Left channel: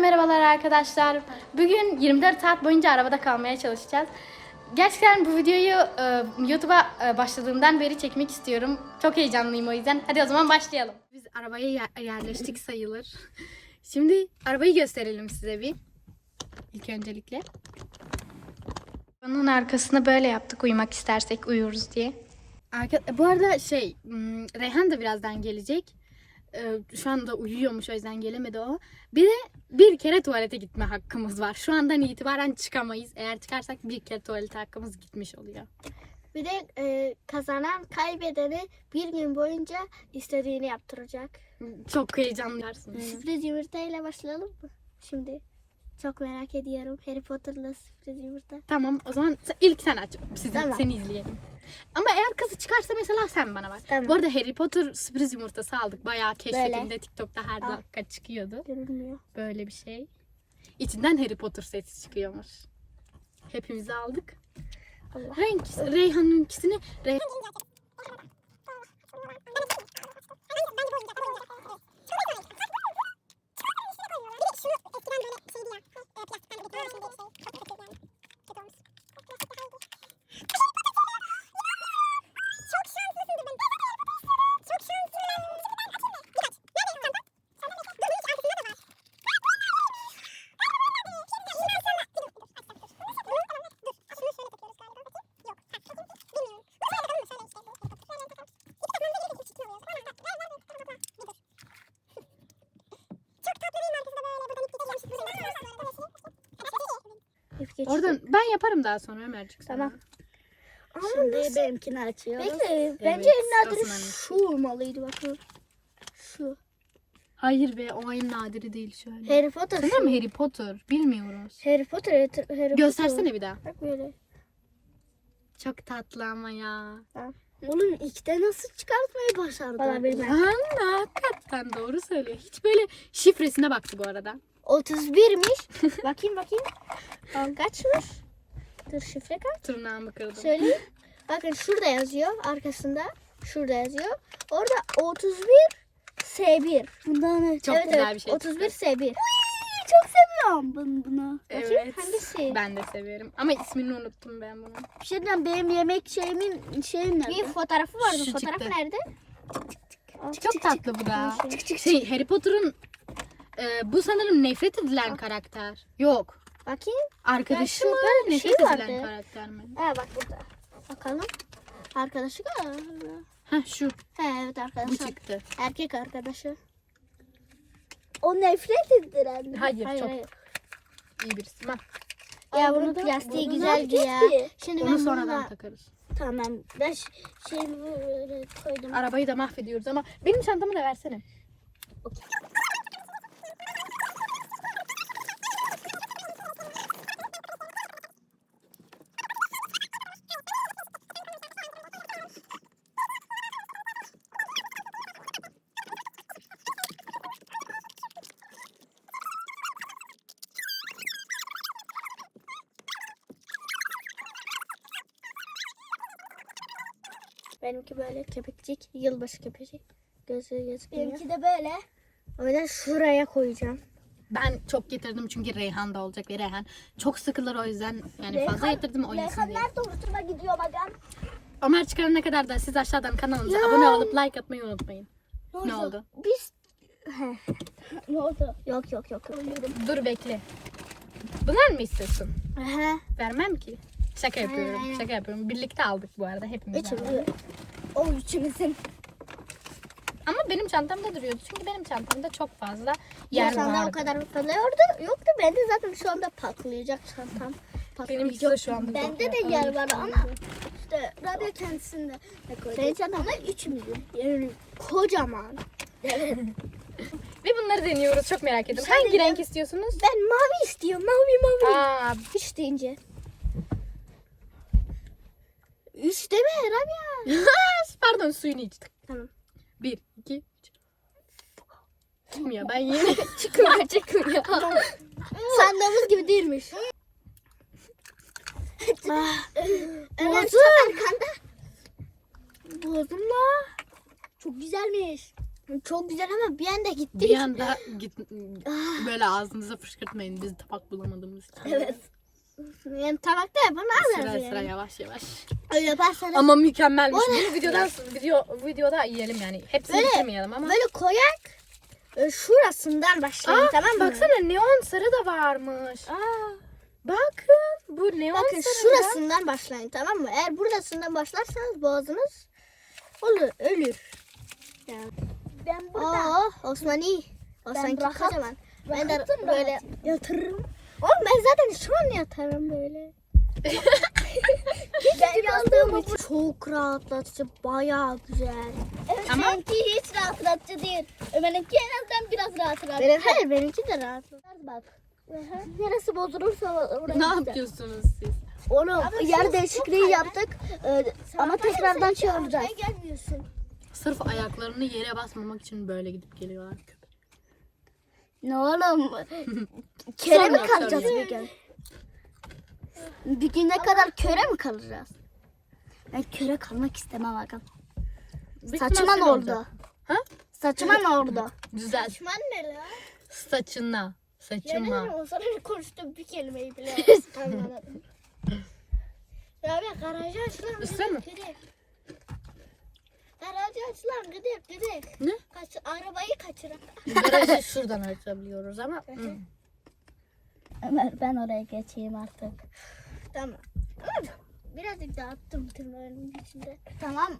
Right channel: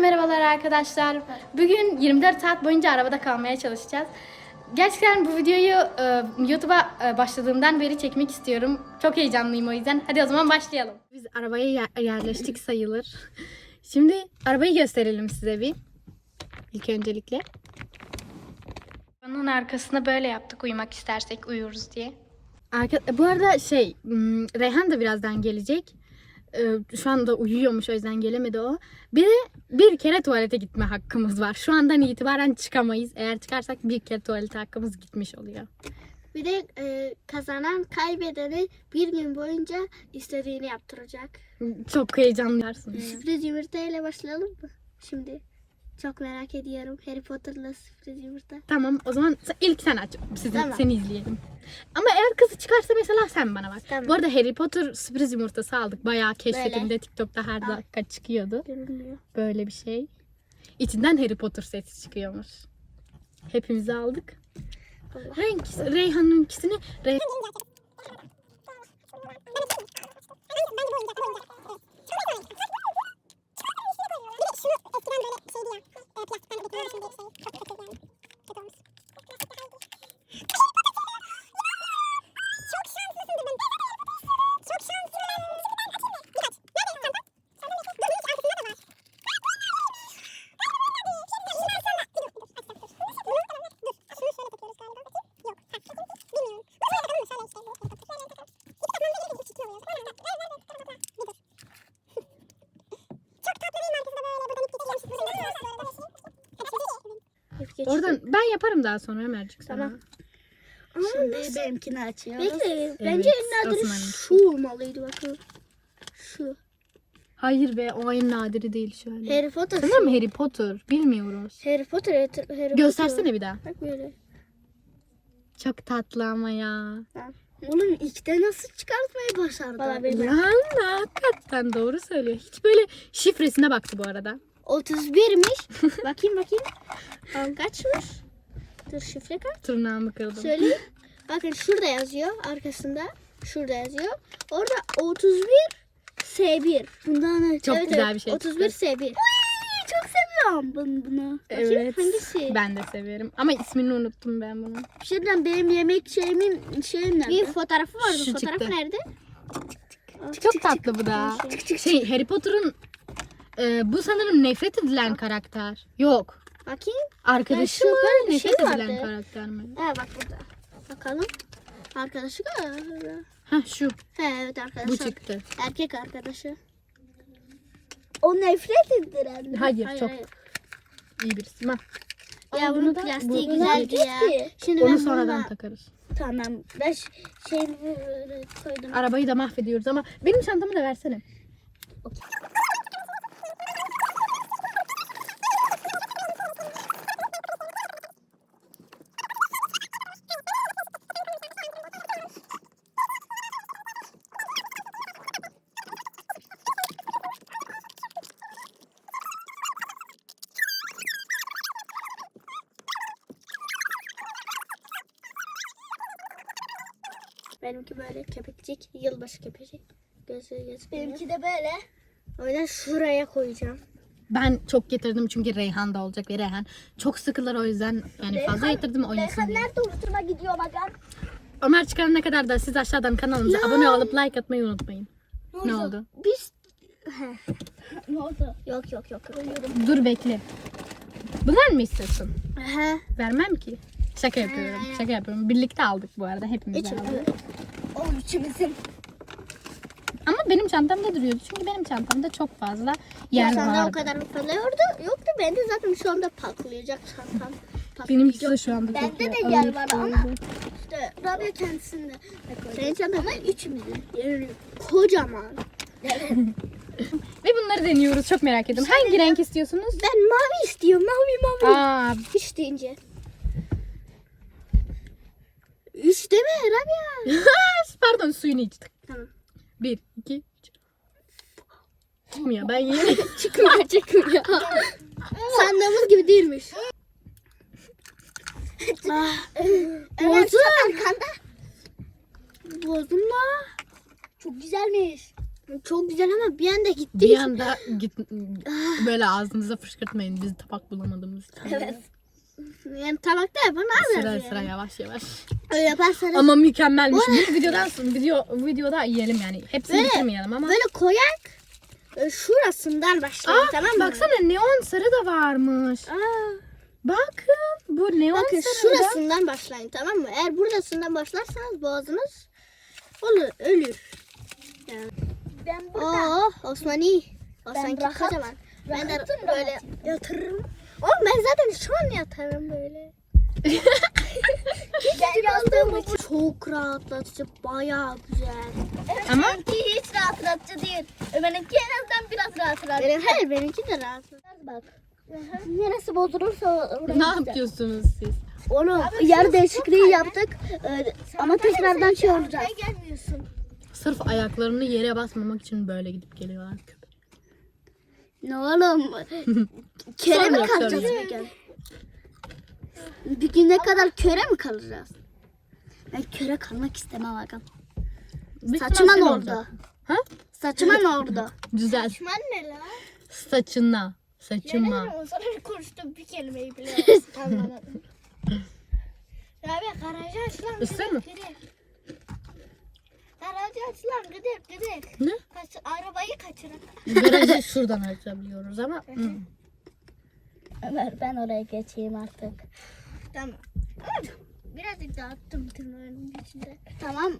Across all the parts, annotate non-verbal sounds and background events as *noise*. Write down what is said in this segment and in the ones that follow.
Merhabalar arkadaşlar. Bugün 24 saat boyunca arabada kalmaya çalışacağız. Gerçekten bu videoyu e, YouTube'a e, başladığımdan beri çekmek istiyorum. Çok heyecanlıyım o yüzden. Hadi o zaman başlayalım. Biz arabaya yer- yerleştik sayılır. Şimdi arabayı gösterelim size bir. İlk öncelikle. Arabanın arkasını böyle yaptık uyumak istersek uyuruz diye. Arka, bu arada şey hmm, Reyhan da birazdan gelecek. Ee, Şu anda uyuyormuş o yüzden gelemedi o. Bir de bir kere tuvalete gitme hakkımız var. Şu andan itibaren çıkamayız. Eğer çıkarsak bir kere tuvalete hakkımız gitmiş oluyor. Bir de e, kazanan kaybedeni bir gün boyunca istediğini yaptıracak. Çok heyecanlarsınız. Sürpriz yumurta ile başlayalım mı? Şimdi çok merak ediyorum. Harry Potter'la sürpriz yumurta. Tamam o zaman sen- ilk sen aç. Sizin, Tamam. Seni izleyelim. Ama eğer kızı çıkarsa mesela sen bana bak. Tamam. Bu arada Harry Potter sürpriz yumurtası aldık. Bayağı keşfetimde Böyle. TikTok'ta her Al. dakika çıkıyordu. Görünmüyor. Böyle bir şey. İçinden Harry Potter sesi çıkıyormuş. Hepimizi aldık. Allah. Renk, Reyhan'ınkisini Rey- böyle şeydi ya. E, Plastikten de bitmiyor. Şimdi şey çok kötü yani. Oradan ben yaparım daha sonra Ömercik sana. Tamam. Şimdi benimkini açıyoruz. Bekle. Bence en nadiri Osman'ın. şu olmalıydı bakın. Şu. Hayır be o en nadiri değil şöyle. Harry Potter. Sanırım Harry Potter. Bilmiyoruz. Harry Potter. Harry Potter. Göstersene bir daha. Bak böyle. Çok tatlı ama ya. Oğlum ilkte nasıl çıkartmayı başardı? Valla hakikaten doğru söylüyor. Hiç böyle şifresine baktı bu arada. 31'miş. bakayım bakayım. Tamam kaçmış? Dur şifre kaç? Tırnağımı kırdım. Söyleyeyim. Bakın şurada yazıyor arkasında. Şurada yazıyor. Orada 31 S1. Bundan ne? Çok evet, güzel evet, bir şey 31 çıktı. S1. Çok seviyorum bunu. bunu. Bakayım Evet. hangisi? Ben de severim. Ama ismini unuttum ben bunun. Şimdiden benim yemek şeyimin şeyim nerede? Bir fotoğrafı vardı. Şu Fotoğraf çıktı. nerede? Çok tatlı bu da. Şey Harry Potter'ın e, bu sanırım nefret edilen karakter. Yok. Bakayım. Arkadaşı mı? böyle bir şey Nefret edilen vardı. karakter mi? Ha bak burada. Bakalım. Arkadaşı galiba. Heh şu. He evet Bu arkadaşı. çıktı. Erkek arkadaşı. O nefret ettiren. Hayır, Hayır çok hayır. iyi birisi. Bak, Ya bunun plastiği bunu güzeldi ya. Şimdi onu sonradan bununla- takarız. Tamam. Ben ş- böyle koydum. Arabayı da mahvediyoruz ama benim çantamı da versene. Benimki böyle kepekçik. Yılbaşı kepecik. Gözü gözükmüyor. Benimki de böyle. O yüzden şuraya koyacağım. Ben çok getirdim çünkü Reyhan da olacak ve Reyhan çok sıkılır o yüzden yani fazla Reyhan- getirdim oynasın Reyhan diye. nerede oturma gidiyor bakalım. Ömer çıkarana kadar da siz aşağıdan kanalımıza Ya. abone olup like atmayı unutmayın. Ne oldu? Biz *laughs* Ne oldu? yok yok yok. Dur bekle. Bunlar mı istiyorsun? Aha. Vermem ki. Şaka yapıyorum. Ha. Şaka yapıyorum. Birlikte aldık bu arada hepimiz aldık. O üçümüzün. Ama benim çantamda duruyordu. Çünkü benim çantamda çok fazla Ya yer o vardı. kadar fırlıyordu. Yoktu bende zaten şu anda patlayacak çantam. Benimki de şu anda Bende de yer- var ama işte Rabia kendisinde de koydu. Senin çantan Ama üçümüzün. yani kocaman. *laughs* Ve bunları deniyoruz. Çok merak ediyorum. Hangi renk istiyorsunuz? Ben mavi istiyorum. Mavi mavi. Aa, Üç deyince. Üç deme Rabia. *laughs* pardon suyunu içtik. Tamam. Bir, iki, üç. Çıkmıyor. Ben yeni *laughs* Çıkmıyor çıkmıyor. Sandığımız gibi değilmiş. *laughs* ah, Ömer Bozum. arkanda. bozdum da. Çok güzelmiş. Çok güzel ama bir anda gitti. Bir anda git, böyle ağzınıza fışkırtmayın. Biz tabak bulamadığımız için. Evet. Yani tabakta yapamaz Sıra yani. sıra yavaş yavaş. Öyle yaparsanız Ama mükemmelmiş. Bunu videodan video videoda yiyelim yani. Hepsini Böyle- bitirmeyelim ama. böyle koyak e, şurasından başlayalım Aa, tamam mı? baksana neon sarı da varmış. Aa, Bakın bu neon bakın sarı. da- şurasından başlayın tamam mı? Eğer buradasından başlarsanız boğazınız olur, ölür. Ben burada. Aa, Osman iyi. Osman rahat- kocaman. Ben de rahatım, böyle yatırırım. Oğlum ben zaten şu an yatarım böyle. Ben yazdığımı bu. Çok rahatlatıcı, bayağı güzel. Evet, Ama- Benimki hiç rahatlatıcı değil. Benimki en azından biraz rahatlatıcı. Benim, hayır benimki de rahatlatıcı. Bak. Neresi bozulursa oraya Ne yapıyorsunuz siz? Oğlum yer değişikliği yaptık. Ee, ama tekrardan şey olacak. gelmiyorsun. Sırf ayaklarını yere basmamak için böyle gidip geliyorlar. Köpek. Ne oğlum? *laughs* köre mi kalacağız bir gün? Bir gün ne kadar köre mi kalacağız? Ben köre kalmak istemem ihtimal oldu? olacak. Ha? Saçıma ne oldu? Güzel. Düşman ne la? Saçına. Saçıma. Yani o sana konuştuğum bir kelimeyi bile *laughs* anlamadım. Rabia garajı aç lan. Isır mı? Garajı aç lan gidek gidek. Ne? Kaç, arabayı kaçırın. Garajı şuradan açabiliyoruz ama. hı. Ömer ben oraya geçeyim artık. Tamam. Ama birazcık dağıttım tırnağının içinde. Tamam.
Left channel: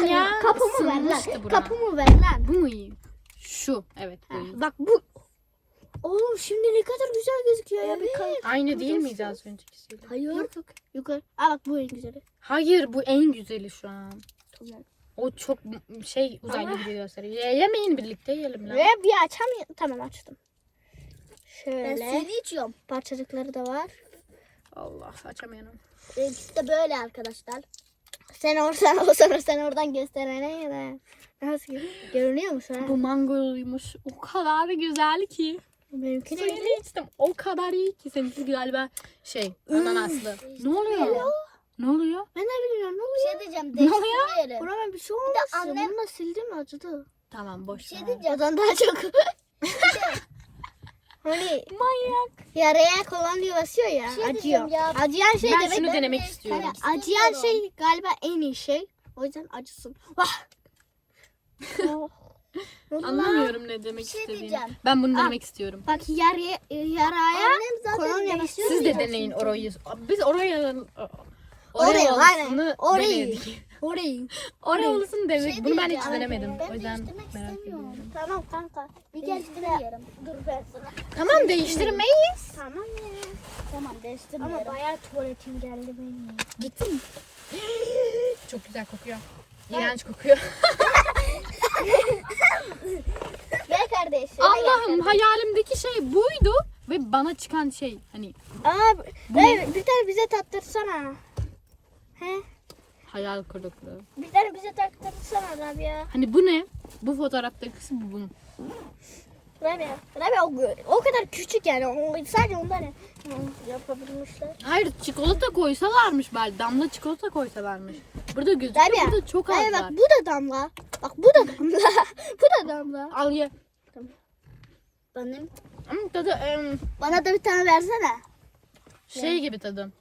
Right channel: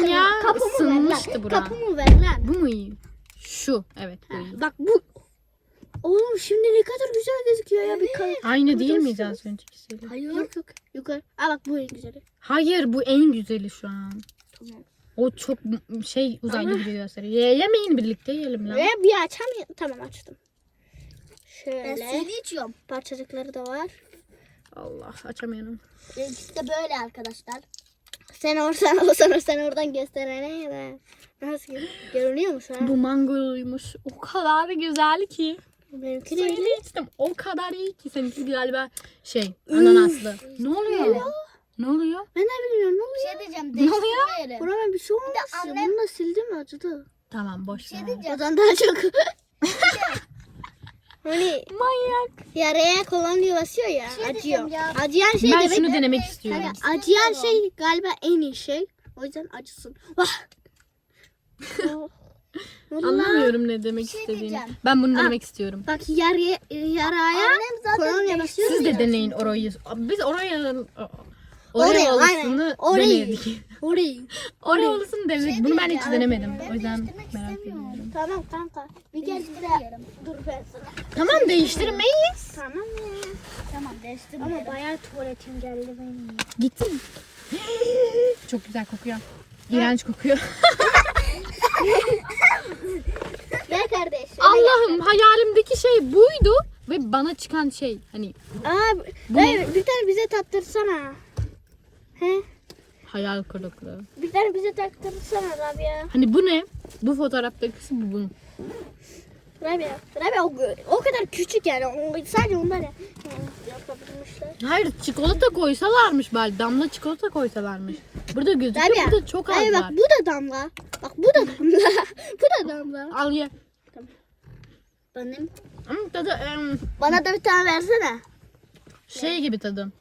Aynen ya. Isınmıştı bura. Kapımı ver lan. Bu mu iyi? Şu. Evet bu iyi. Bak bu. Oğlum şimdi ne kadar güzel gözüküyor ya bir kay. Aynı değil miydi az öncekisiyle? Hayır. Yok yok. Yukarı. Aa bak bu en güzeli. Hayır bu en güzeli şu an. Tamam. O çok m- şey uzaylı gibi gösteriyor. Ye- yemeyin birlikte yiyelim lan. Ve bir açamıyorum. Tamam açtım. Ben Şöyle. suyunu içiyorum. Parçacıkları da var. Allah açamıyorum. Benimkisi de böyle arkadaşlar. *laughs* Sen oradan, o sana sen oradan gösterene be. Nasıl gö- görünüyor mu şu an? Bu mangoluymuş. O kadar güzel ki. Benimki de Suyunu içtim. O kadar iyi ki. Seninki galiba şey ananaslı. Ne oluyor? Ne oluyor? Ben de bilmiyorum ne Bir oluyor? şey diyeceğim. Ne oluyor? Değiştirmeyelim. Burama bir şey olmaz. annem- Bunu da sildim acıdı. Tamam boş Bir şey ver. diyeceğim. Odan daha çok. Hani Manyak. yaraya kolonya basıyor ya. şey acıyor. ya. Acıyan şey Ben demek. şunu denemek istiyorum. Hani acıyan şey galiba en iyi şey. O yüzden acısın. Vah. Oh. Anlamıyorum ne demek şey istediğini. diyeceğim. Ben bunu denemek istiyorum. Bak yaraya, yaraya Annem zaten kolonya basıyor. Siz de deneyin orayı. Biz orayı Orayı, Oraya aynen. olasını Orayı. denedik. Orayı. Oraya olasını denedik. Bunu ben hiç denemedim. Ben O yüzden merak ediyorum. Tamam kanka. Bir gel. Dur ben sana. Tamam değiştirmeyiz. Tamam? Tamam Ama değiştirmeyelim. bayağı tuvaletim geldi benim. Gitti mi? *gasps* Çok güzel kokuyor. İğrenç kokuyor. *laughs* Gel kardeş. Allah'ım hayalimdeki şey buydu ve bana çıkan şey hani Aa, Bu Ey, bir tane bize tattırsana. He? Hayal kırıklığı. Bir tane bize tattırsana Rabia. Hani bu ne? Bu fotoğraftaki bu bunun. Rabia. Rabia o, o kadar küçük yani. O, sadece yani yapabilmişler. Hayır çikolata koysalarmış belki. Damla çikolata koysalarmış. Burada gözüküyor. Rabia. Burada çok az Hayır var. bak bu da damla. Bak bu da damla. *laughs* bu da damla. Al ye. Benim. Hmm, tadı em, Bana da bir tane versene. şey gibi tadı.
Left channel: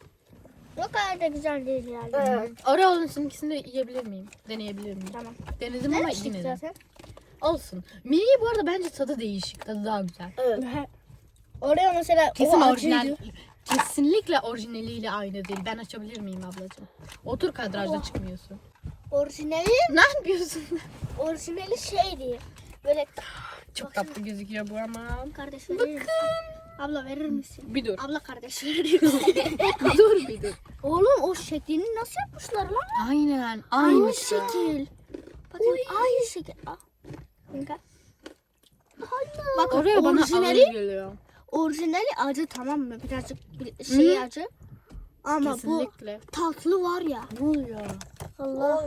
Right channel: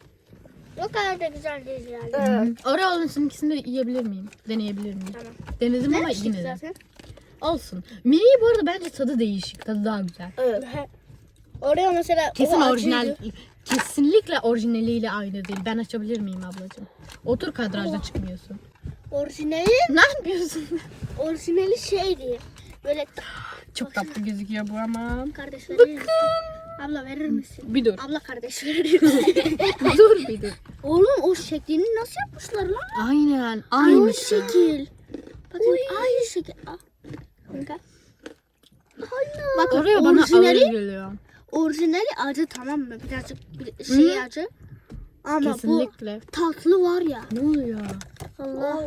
O kadar da güzel değil yani. Oreo'nun ikisini de yiyebilir miyim? Deneyebilir miyim? Tamam. Denedim ama Demiştik yine de. zaten. Olsun. Mini bu arada bence tadı değişik. Tadı daha güzel. Evet. Oraya mesela Kesin o orijinal. acıydı. Kesinlikle orijinaliyle aynı değil. Ben açabilir miyim ablacığım? Otur kadrajda çıkmıyorsun. Orijinali, Ne yapıyorsun? orijinali şeydi. Böyle Çok tatlı gözüküyor bu ama. kardeş verir misin? Abla verir misin? Bir dur. Abla kardeş verir misin? *laughs* dur bir dur. Oğlum o şeklini nasıl yapmışlar lan? Aynen. Aynı Aynı şekil. Bakın aynı şekil. Ah. Kanka. Bak Oraya bana orijinali, ağır geliyor. orijinali acı tamam mı? Birazcık bir şey acı. Ama Kesinlikle. bu tatlı var ya. Ne oluyor? Allah.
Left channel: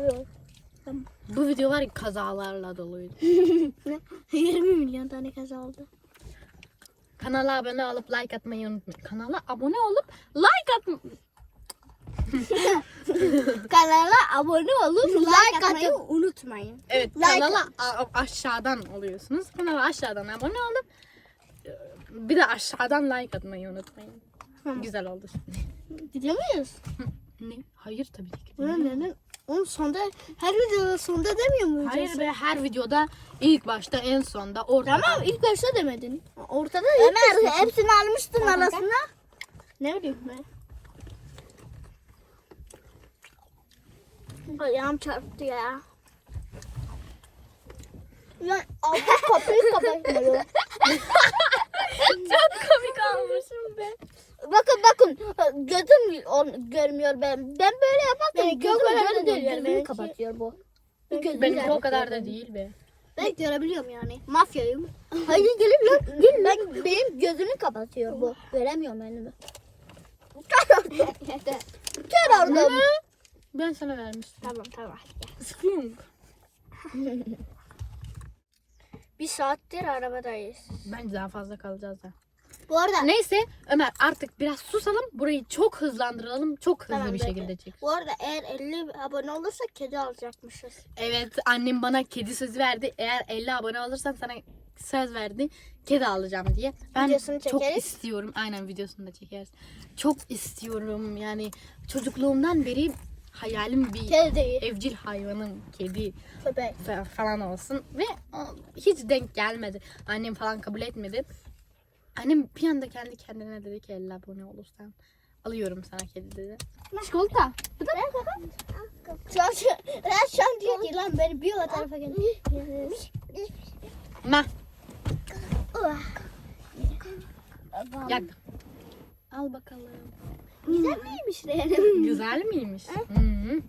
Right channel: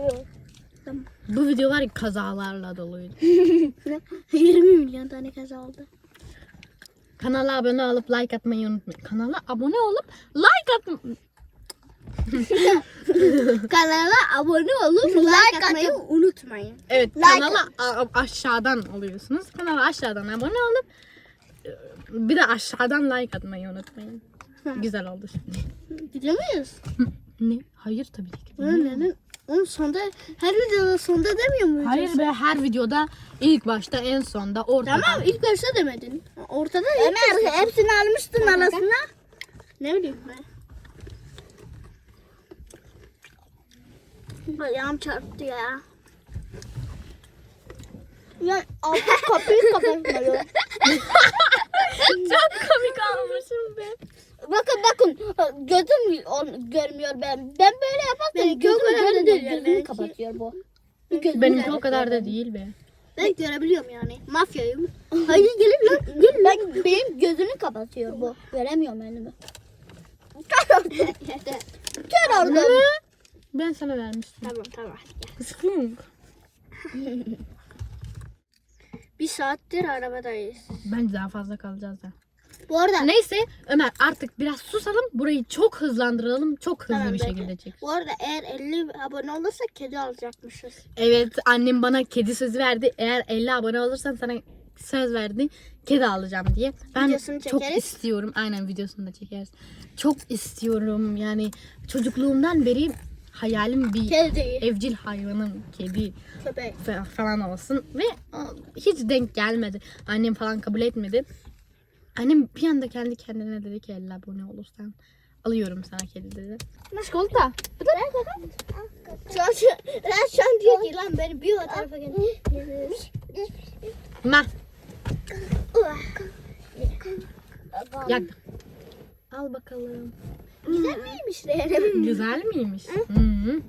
Bu video var ya kazalarla doluydu. *laughs* 20 milyon tane kaza oldu. Kanala abone olup like atmayı unutmayın. Kanala abone olup like atmayı... *laughs* Kanala abone olup like atmayı unutmayın. Evet Like- kanala aşağıdan oluyorsunuz. Kanala aşağıdan abone olup e, bir de aşağıdan like atmayı unutmayın. Güzel oldu şimdi. Gidiyor muyuz? Ne? Hayır tabii ki. Bunun neden? Onun sonunda her videonun sonunda demiyor muyuz? Hayır be her videoda ilk başta en sonda ortada. Tamam ilk başta demedin. Ortada Ömer hepsini almıştın arasına. Ne bileyim ben. Ayağım çarptı ya. Ya abla kapıyı kapatmıyor. *laughs* Çok komik olmuşum be. Bakın bakın gözüm on- görmüyor ben. Ben böyle yaparken gözüm görmüyor. Gözümü kapatıyor bu. Gözümü Benimki o kadar da benim. değil be. Ben görebiliyorum yani. Mafyayım. Hadi gelin lan. Gül ben benim gözümü kapatıyor bu. Göremiyorum önümü. Kör oldum. Kör oldum. Ben sana vermiştim. Tamam tamam. Kısıklıyorum. *laughs* Bir saattir arabadayız. Bence daha fazla kalacağız da. Bu arada Neyse Ömer artık biraz susalım. Burayı çok hızlandıralım. Çok hızlı Tamam, bir bekle. şekilde çek. bu arada eğer 50 abone olursa kedi alacakmışız. Evet annem bana kedi sözü verdi. Eğer 50 abone olursan sana söz verdi. Kedi alacağım diye. Ben Videosunu çok çekeriz. istiyorum. Aynen videosunu da çekeriz. Çok istiyorum. Yani çocukluğumdan beri hayalim bir Kedi. evcil hayvanın kedi Köpek. fa- falan olsun ve hiç denk gelmedi. Annem falan kabul etmedi. Annem bir anda kendi kendine dedi ki 50 abone olursan alıyorum sana kedi dedi. Çikolata. Bu da Şu an, şu, ben şu an diyor ki lan beni bir o tarafa gel. Ma yak. Al bakalım. Güzel miymiş Reyhan'ım? *laughs* Güzel miymiş? Hı.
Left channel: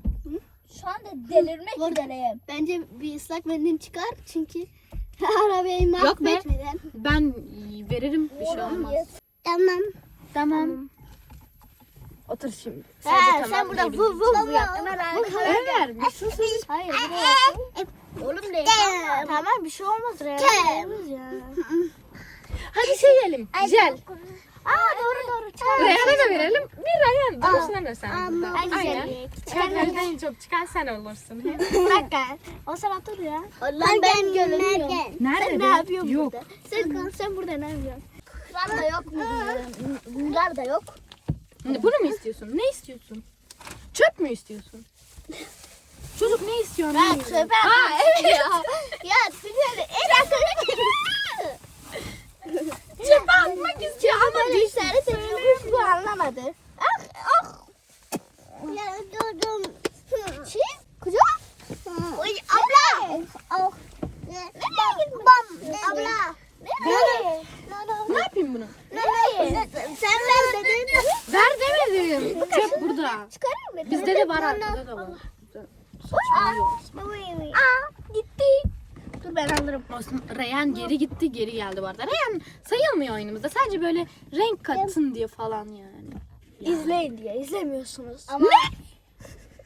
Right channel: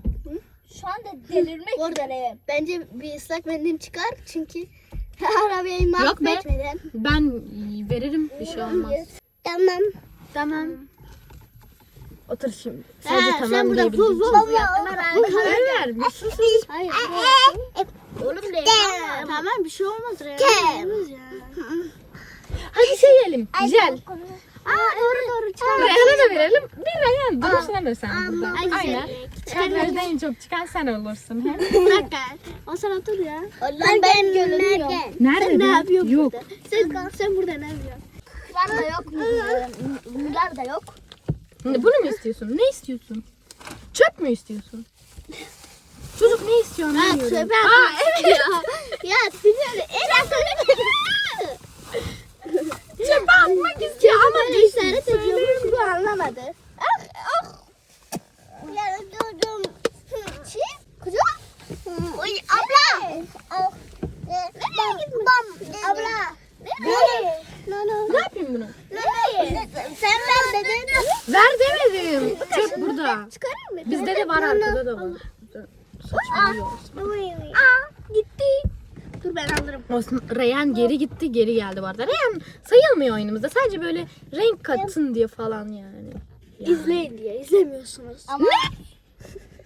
Şu anda delirmek üzereyim. bence bir ıslak mendil çıkar çünkü *laughs* arabayı Yok be. mahvetmeden. Ben veririm bir şey olmaz. Tamam. Tamam. Otur şimdi. Ha, Sadece sen tamam burada diyebilirim. vuv vuv yap. Ömer bir sus. Hayır buraya. Oğlum de. Tamam bir şey olmaz Reyhan. ya. *laughs* Hadi şey yiyelim. Güzel. Aa doğru doğru. Çay. Reyhan'a da verelim. Bir Reyhan. Sen burada. Ay, Aynen. Çarpıda en çok çıkan sen olursun. he? Dakika. O sen otur ya. Ben ben görünüyorum. Nerede? Sen ne yapıyorsun Yok. burada? Sen, sen burada ne yapıyorsun? Bunlar da yok mu? Bunlar da yok. Bunu mu istiyorsun? Ne istiyorsun? Çöp mü istiyorsun? Çocuk ne istiyor? Bilmiyorum. çöpe Aa evet ya. ya biliyorum. Çöpe atmak istiyor ama işaret ediyormuş bu anlamadı. Ah ah. Ya durdum. Şey kuzu. Oy abla. Ne yapayım bunu? Sen ver dedin. Ver demedim. Çöp burada. Bizde de var arkada da var. Aa gitti. Dur ben alırım. Olsun. Reyhan geri gitti geri geldi bu arada. Reyhan sayılmıyor oyunumuzda. Sadece böyle renk katsın diye falan yani. Yani. İzleyin diye izlemiyorsunuz. Ama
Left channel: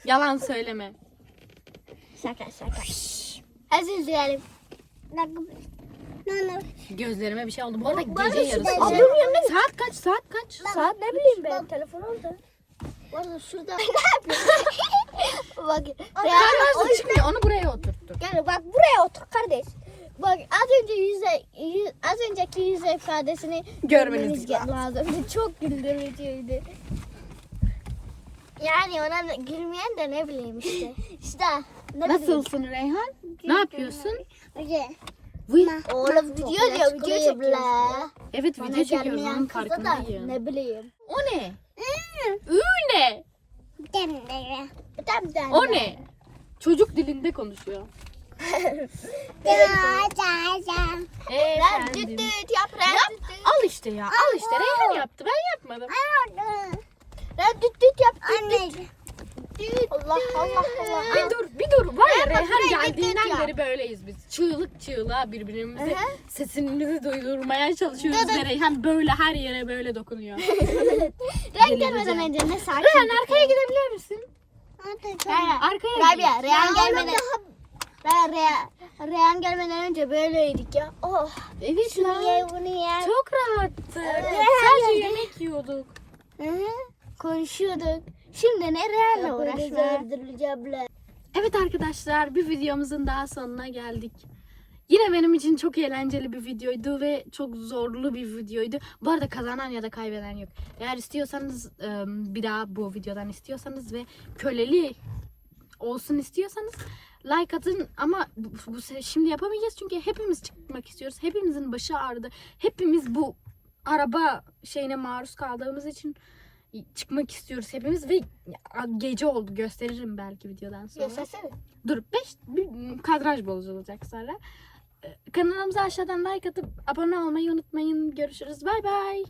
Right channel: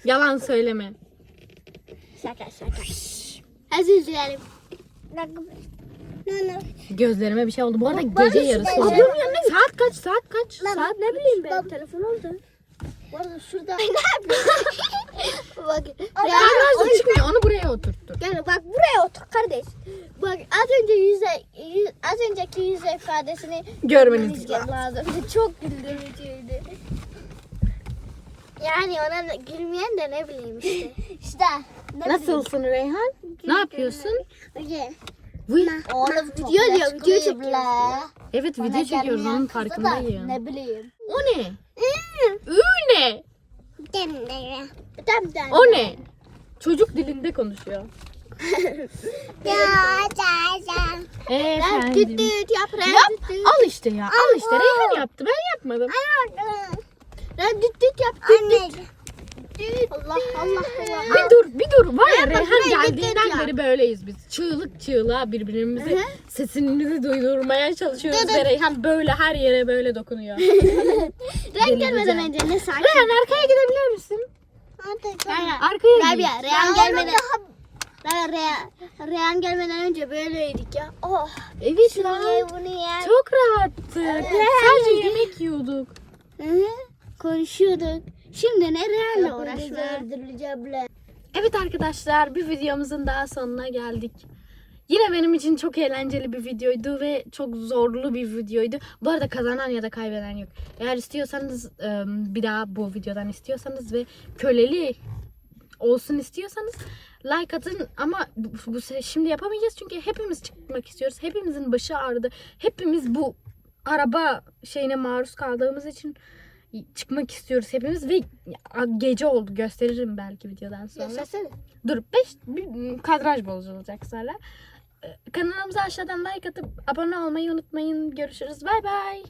Yalan söyleme. Şaka şaka. Hadi izleyelim. Gözlerime bir şey oldu. Bu arada Bana gece şu yarısı oldu. Ablamın yanına Saat kaç? Saat kaç? Saat ne bileyim ben. Telefon orada. Bu arada şurada. ne *laughs* Bak. Sen nerede çıkmıyor? Onu buraya oturttur. Gel bak buraya otur kardeş. Bak az önce yüze, yüz, az önceki yüz ifadesini Görmeniz görmeniz lazım. *laughs* Çok güldürücüydü. Yani ona gülmeyen de ne bileyim işte. *laughs* işte. Nasılsın Reyhan? Ne yapıyorsun? Oğlum video diyor, video çekiyor. Evet video çekiyoruz onun farkındayım. Ne bileyim. O ne? Ü ne? O ne? Çocuk dilinde konuşuyor. Ya Efendim. yap. Al işte ya. Al işte. Reyhan yaptı. Ben yapmadım. Ren düt düt yap düt düt. Allah Allah Allah. Bir dur, bir dur. Var ya Reyhan geldiğinden beri böyleyiz biz. Çığlık çığlığa birbirimize Hı sesimizi duydurmaya çalışıyoruz. Ve Reyhan böyle her yere böyle dokunuyor. *laughs* Renk gelmeden önce ne sakin. Reyhan arkaya gidebilir misin? Reyhan. Arkaya. Rabia, Reyhan gelmeden... Reyhan, Reyhan, gelmeden önce böyleydik ya. Oh. Evet Şunu ye, bunu ye. Çok rahattı. Sadece yemek yiyorduk. Hı hı. Konuşuyorduk. Şimdi ne Reyhan'la uğraşlar? Evet arkadaşlar bir videomuzun daha sonuna geldik. Yine benim için çok eğlenceli bir videoydu ve çok zorlu bir videoydu. Bu arada kazanan ya da kaybeden yok. Eğer istiyorsanız e, bir daha bu videodan istiyorsanız ve köleli olsun istiyorsanız like atın ama bu, şimdi yapamayacağız çünkü hepimiz çıkmak istiyoruz. Hepimizin başı ağrıdı. Hepimiz bu araba şeyine maruz kaldığımız için çıkmak istiyoruz hepimiz ve gece oldu gösteririm belki videodan sonra. Yaşasın. Dur 5 kadraj bozulacak sonra. Ee, Kanalımıza aşağıdan like atıp abone olmayı unutmayın. Görüşürüz. Bay bay.